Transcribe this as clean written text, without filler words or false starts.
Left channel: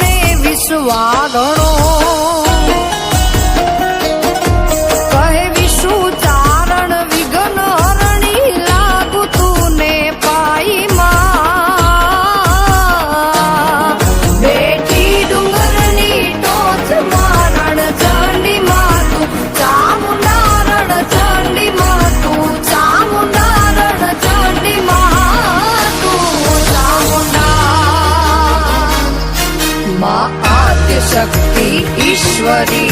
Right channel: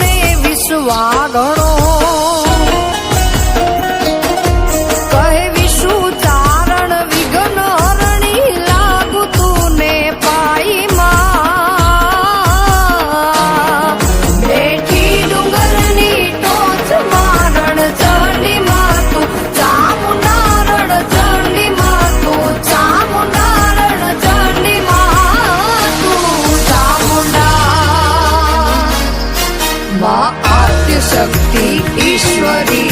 ને વિશ્વાગણો કહે વિશુ ચારણ વિઘ્ન હરણી લાગુ તું ને પાઈ માં બેઠી ડુંગરની ટોચ મારણ ચંડી માં તું ચામુંડારણ ચંડી માં તું ચામુંડારણ ચંડી માં તું ચામુંડા મા આદ્ય શક્તિ ઈશ્વરી